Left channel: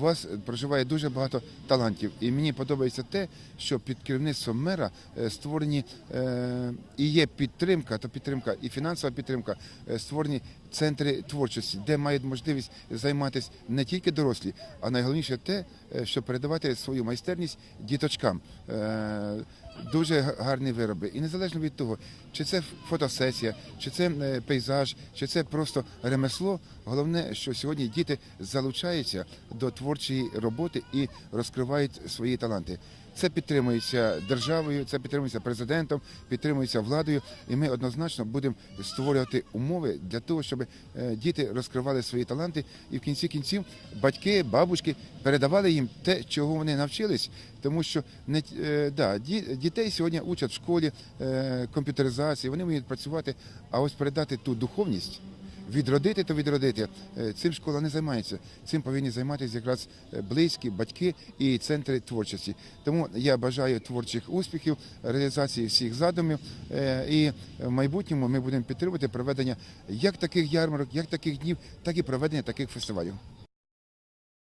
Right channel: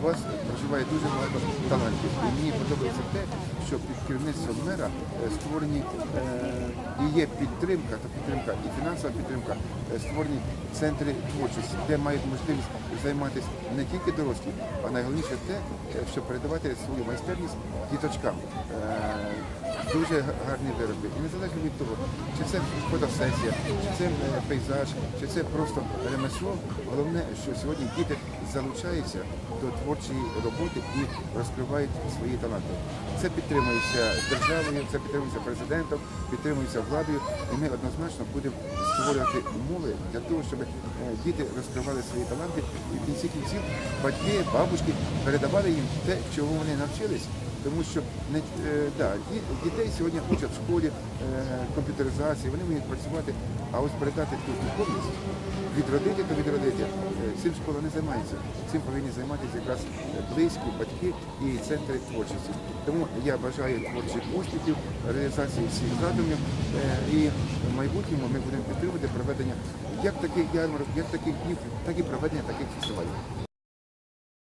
у вас проживає дуже багато талантів. І мені подобається те, що під керівництвом мера е, створені е, і є підтримка, то підтримка і фінансова підтримка, е, створені центри творчості, де мають можливість займатися не тільки дорослі, а найголовніше те, щоб передавати свою майстерність діточкам. Дуже гарні вироби. І незалежно від того, чи це фотосесія, чи це е, пейзаж, чи це просто ремесло. Головне, що сьогодні діти залучаються до творчої роботи і розкривають свої таланти. Це підтримується державою, це підтримується президентом, підтримується владою, і ми однозначно будемо створювати умови для того, щоб е, діти розкривали свої таланти, і в кінці кінців батьки, бабушки передавали їм те, чого вони навчились. Тому що не е, да, дітей сьогодні учать в школі е, комп'ютеризації, вони вміють працювати, а ось передати ту духовність, відродити, то відродити. Е, Цим школа не займається. Цим повинні займатися якраз е, близькі, батьки і центри творчості. Тому я бажаю творчих успіхів, реалізації всіх задумів. І в майбутньому ми будемо підтримувати проведення як таких ярмарок, як таких днів, так і проведення таких фестивалів.